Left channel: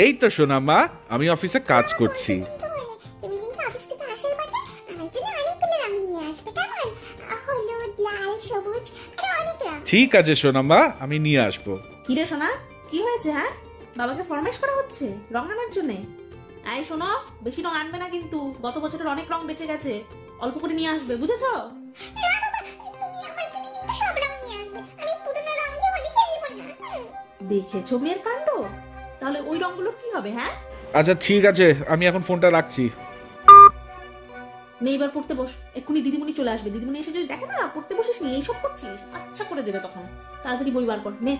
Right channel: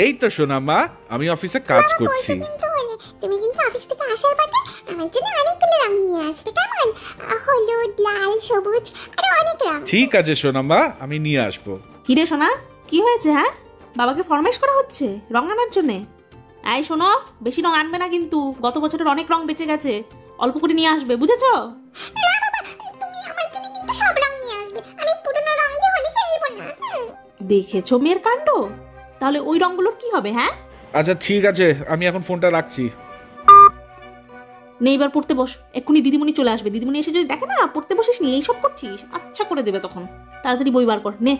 এই তো সোনা মা, আমি অফিসে কাজ করছি। তুমি কিন্তু অফিস থেকে আসার পথে আমার জন্য অনেকগুলো রং নিয়ে আসবে, কেমন? হলুদ, লাল, সবুজ আর অনেক রং। ঠিক আছে সোনা মা, আমি নিয়ে আসবো। কি রে সোনা, কি হয়েছে? হ্যাঁ, বাবাকে ফরমাইশ করা হচ্ছে রং আনার জন্যে। এই শোনো, বেশি রং আনবে না কিন্তু, গত বছরের অনেক রং বেঁচে গেছে, অল্প করে নিয়ে আসবে, বুঝেছো? না বাবা, তুমি আমার জন্য কিন্তু সব রং নিয়ে আসবে, আমি পুরনো রং দিয়ে হোলি খেলবো না। দেখেছো মেয়ের কাণ্ড, তাহলে ওই রংগুলোর কি হবে? হ্যাঁ আচ্ছা ঠিক আছে, আমি এখন ফোনটা রাখছি। নে এবার পড়তে বস, এক্ষুনি দিদিমণি চলে আসবে। দিদিমণি এসে যদি দেখে না পড়তে বসিস নি, এইসব করছিস, আচ্ছা করে দেবে তখন। তাড়াতাড়ি বই বার কর, নে।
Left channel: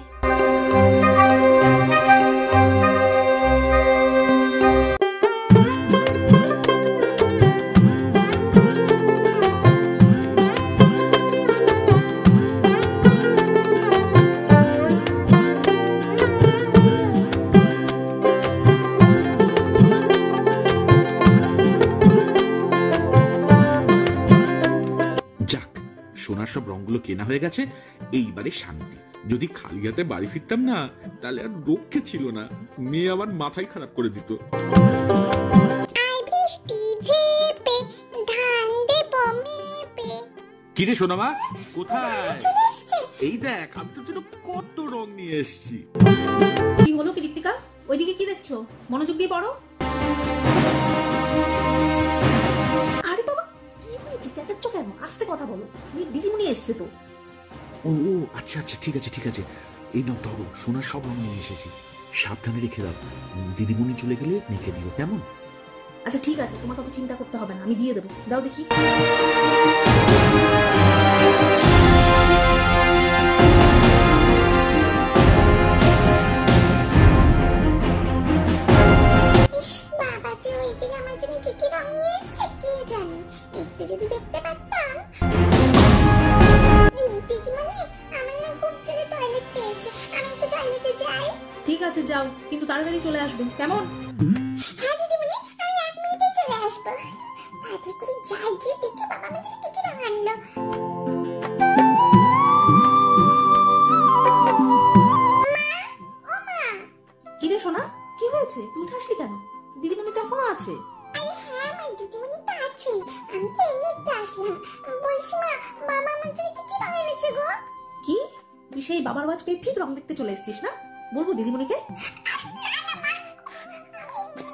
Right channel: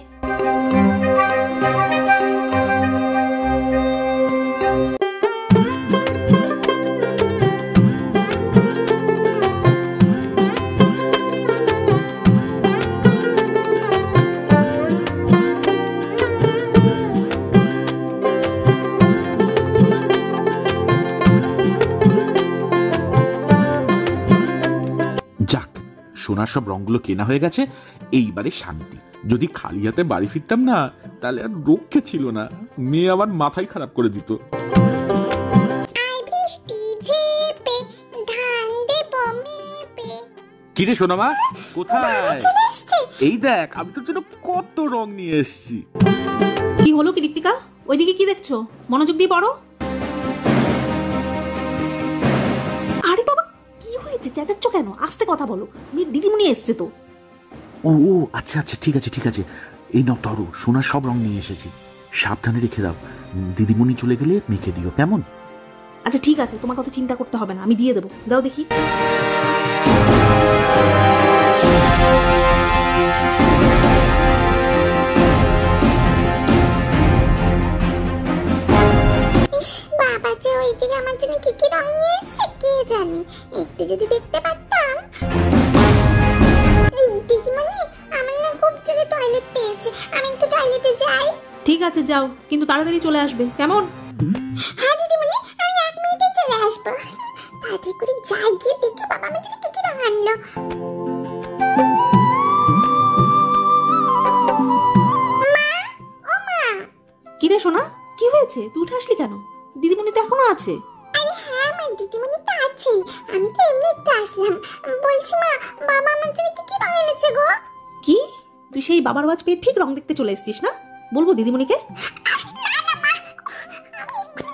সোনার সব রংগুলো কেনা হয়ে গেছে, এইবারে শান্তি। যদি খালি হাতে বাড়ি ফিরতাম না, তাহলে আর রক্ষে ছিল না, মেয়ে আবার মাথায় খারাপ করে দিত। কিরে সোনামা, কোথায়? এই দেখ, আমি তোর জন্য কত রং নিয়ে এসেছি। কি হলো কি ঋত্বিকা, ওইদিকে কি দেখছো? মনোযোগ দিয়ে পড়ো। আরে বাবা, কি হয়েছে? চেঁচাচ্ছ কেন? আস্তে কথা বলো, দিদিমণি এসছে তো। ও আচ্ছা আচ্ছা, ঠিক আছে ঠিক আছে, এই নাও ধরো, সোনার সব রং নিয়ে এসেছি, সাবধানে রেখে দাও, দিদিমণি চলে গেলে মেখে দিও, কেমন? আচ্ছা ঠিক আছে, তোমার কথা চিন্তা করতে হবে না, আমি দিয়ে দেবো, দাও দেখি। বাবা যে ওইদিকে আমার জন্য কি কি রং নিয়ে এসেছে কে জানে, একটু যদি দেখতে পারতাম। দিদিমণি, আমার না খুব জোরে টয়লেট পেয়েছে, আমি একটু টয়লেটে যাই। ঠিক আছে যাও, কিন্তু তাড়াতাড়ি চলে আসবে, কেমন? হ্যাঁ দিদিমণি, আমি 1 মিনিটে চলে আসবো। তাড়াতাড়ি করে যাই, গিয়ে দেখি বাবা আমার জন্য কি কি রং আনলো। কি রে সোনা, কি হয়েছে? তুই উঠে আসলি কেন? দিদিমণি তো এখনো আছে। আরে হ্যাঁ মা, দিদিমণি তো আছে, আমি তো এমনি একটু আসলাম। বলছি মা, বাবা আমার জন্য কি কি রং এনেছে গো? কি, তুই সেই বাবার ওয়াজ পেয়ে ঠিক রং দেখতে চলে এসেছিস না? বলবো দিদিমণিকে?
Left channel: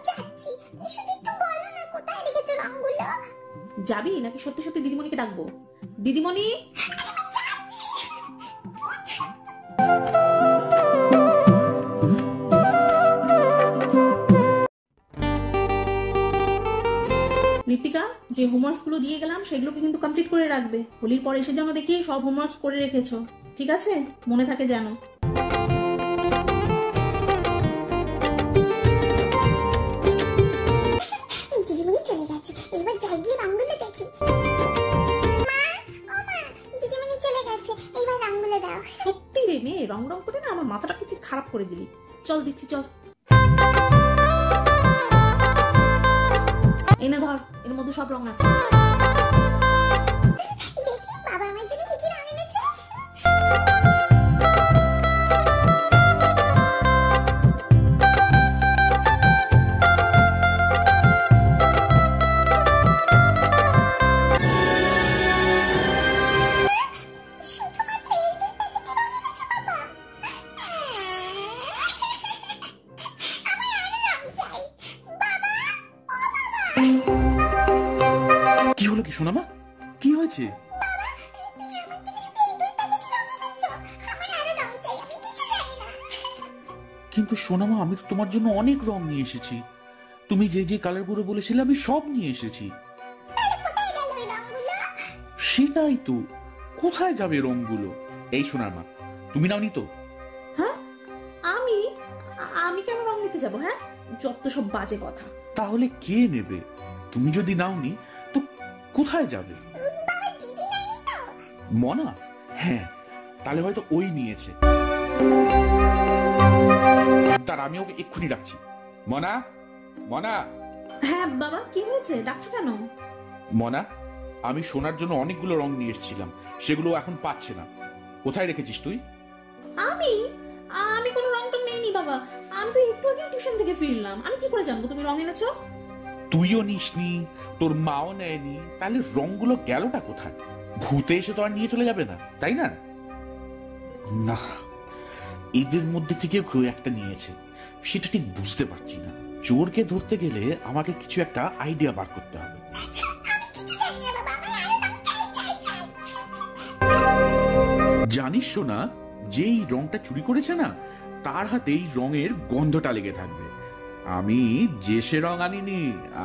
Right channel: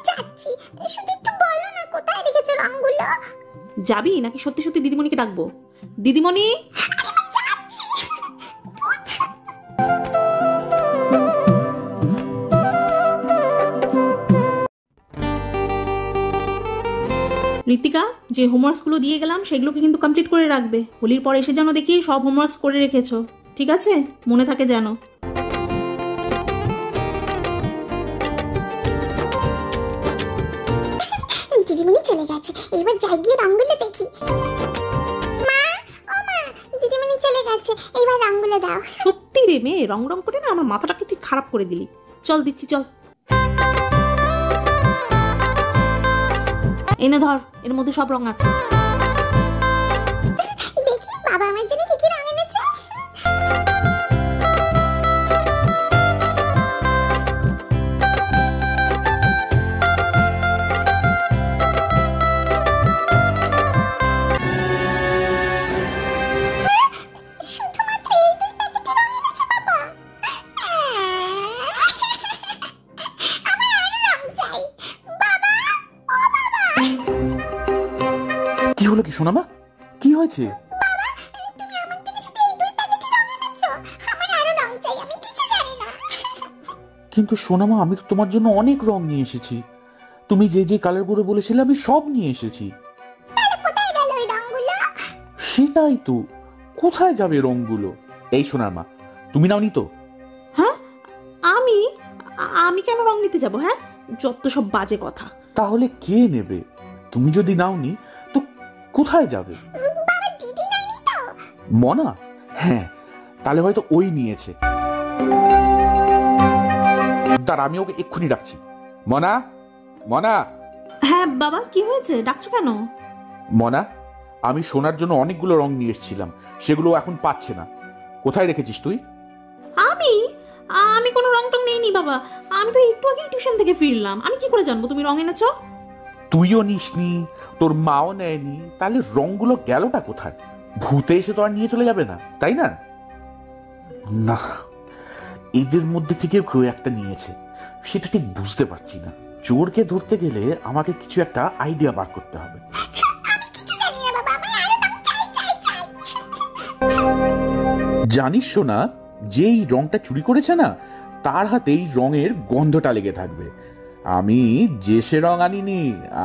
যাচ্ছি, শুধু একটু বলো না কোথায় রেখেছো রংগুলো। যাবি নাকি সত্যি সত্যি দিদিমণিকে ডাকবো? দিদিমণি, ঋতিকা, যে হোমওয়ার্কস গুলো দিয়ে গেলাম সেগুলোকে কিন্তু কমপ্লিট করে রাখবে। হোলির পর এসে যেন দেখি সব হোমওয়ার্কস করে রেখেছো, ঠিক আছে? মনে থাকে যেন। দিদিমণি চলে গেছে, এবার যাই গিয়ে রংগুলো দেখি। মা, ও মা, দিদিমণি চলে গেছে, এবার রংগুলো দাও। সত্যি রে মেয়ে, রং রং করে না আমার মাথাটাকে তুই খারাপ করে দিলি। চল দিচ্ছি, চল। এনে ধর, এর মধ্যে সব রং আছে। দেখি বাবা আমার জন্য কি কি রং এনেছে। শুধুমাত্র এই 2 প্যাকেটে রং এনেছে বাবা। আমার আরো রং চাই বাবা, ও বাবা। কি হলো কি সোনামা, কি হয়েছে? তুমি আমার জন্য শুধু এই 2 প্যাকেটে রং এনেছো, আমার আরো রং চাই, আমি কিছু জানি না। কিন্তু সোনামা, আমি তো তোমার জন্য অনেক রং নিয়ে এসেছি, তুমি যে যে কালারগুলো বলেছিলে আমি সব নিয়ে এসেছি। তাহলে কোথায় গেল এই রংগুলো? সেটাই তো, কোথায় যাবে রংগুলো? এই সোনার মা, তুমি নাওনি তো? হ্যাঁ, আমি আমি কেন রং নিতে যাব? হ্যাঁ, যত সব বাজে কথা। তাহলে কে নেবে? তুমি যদি নাওনি তো কোথায় যাবে? বাবা, দিদি নাইনি তো? মনা? হ্যাঁ, তাহলে হয়তো ওই নিয়েছে। তার আমি ওকে এক্ষুনি ডাকছি। মনা, মনা। হ্যাঁ বাবা, কি হয়েছে? ডাকছো কেন? মনা, আমি সোনার জন্য অনেকগুলো রং নিয়ে এসেছিলাম, সেগুলো এখন পাচ্ছে না, কোথায় রেখেছিস তুই? আমি আমি কোনো রং টং নিইনি বাবা, আমি তো একটু আগে টিউশন থেকে ফিরলাম, আমি কি করে জানবো তুমি রং এনেছো? তুইও নিসনি, তোর মাও নেয়নি, তাহলে রংগুলো গেলটা কোথায়? ভূতে এসে তো আর নিয়ে চলে যাবে না, তাই না? না, এদের মধ্যে থেকে কেউ একটা নিয়েছে, সেটা ঠিক বুঝতে পারছি না। চোরকে ধরতে গেলে আমাকে কিছু একটা আইডিয়া বার করতে হবে। জানিস শোনা, যেই রংটা চুরি করেছে না, তার হাতেই রঙের গন্ধটা লেগে থাকবে। আমি যে সে রং আনিনি,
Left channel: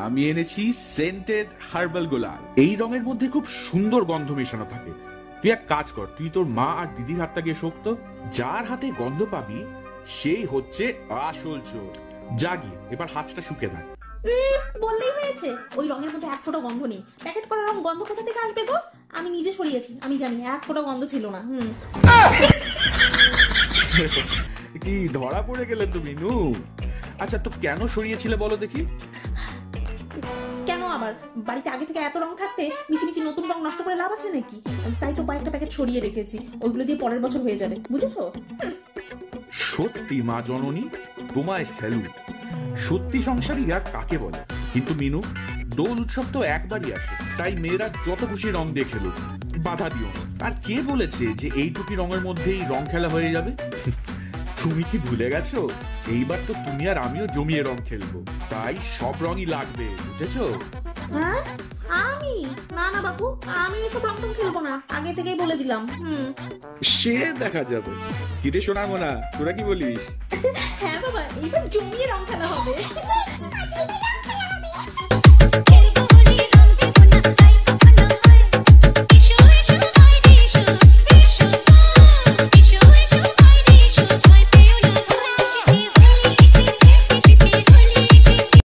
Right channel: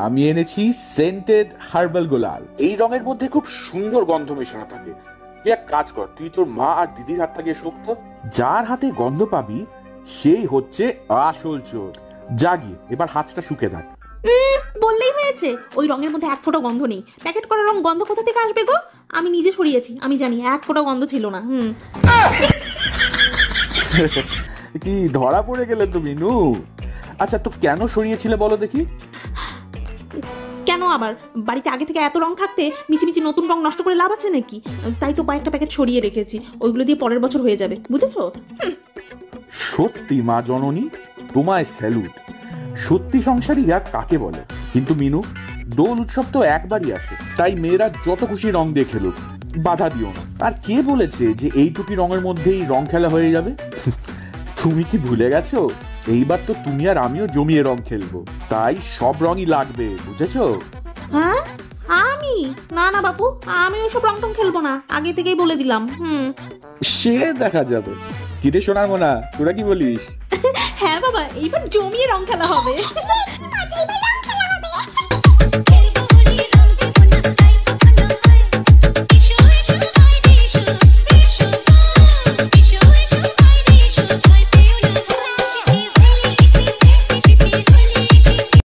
আমি এনেছি সেন্টেড হার্বাল গোলাল। এই রঙের মধ্যে খুব সুন্দর গন্ধ মেশানো থাকে। তুই এক কাজ কর, তুই তোর মা আর দিদির হাতটা গিয়ে শোক তো। যার হাতে গন্ধ পাবি সেই হচ্ছে আসল চোর। যা গিয়ে এবার হাতটা শুকে থাক। বললেই হয়েছে, ওই রঙের মধ্যে এক ফোঁটা গন্ধ নেই। প্যাকেট করা রং গন্ধ কোথা থেকে আসবে গো? আমি নিজে সরিয়েছি, আমি জানি এক ফোঁটা গন্ধ ছিল না। কি ধরা পড়ে গেলে তুমি নু? আচ্ছা, তো কেন সরিয়েছিলে বলো দেখি? কেন আবার, বাড়িতে আগে থেকে এত রং থাকতে মিছিমিছি নতুন রং নষ্ট করে লাভ আছে নাকি? তাই তো কয়েকটা প্যাকেট সরিয়ে রেখেছি, ওইগুলো দিয়ে পরের বছর হয়ে যাবে, বুঝেছো? সত্যি মা জননী, তোমায় স্যালুট। সত্যি সংসারী আর কাকে বলে? কিন্তু মিনু, দোল উৎসব তো একবারই আসে, তাই মেয়েরা যত খুশি রং দিয়ে খেলুক, বাধা দিও না। আর কে বলেছে যে এইটুকি রঙের মধ্যেই রং খেলা হয়ে যাবে? তুমি কি ভুলে গেছো, এইবার তো তুমি আর আমিও জমিয়ে রং খেলবো, তাই সব রঙই লাগবে, বুঝেছো? হ্যাঁ, আমি না না বাপু, আমি ওইসব রং টং খেলবো না, আগে থেকেই বলে দিলাম। সে দেখা যাবে। কিরে সোনার মোনা, তোরা কি বলিস? হ্যাঁ বাবা, এইবার জমিয়ে রং খেলা হবে।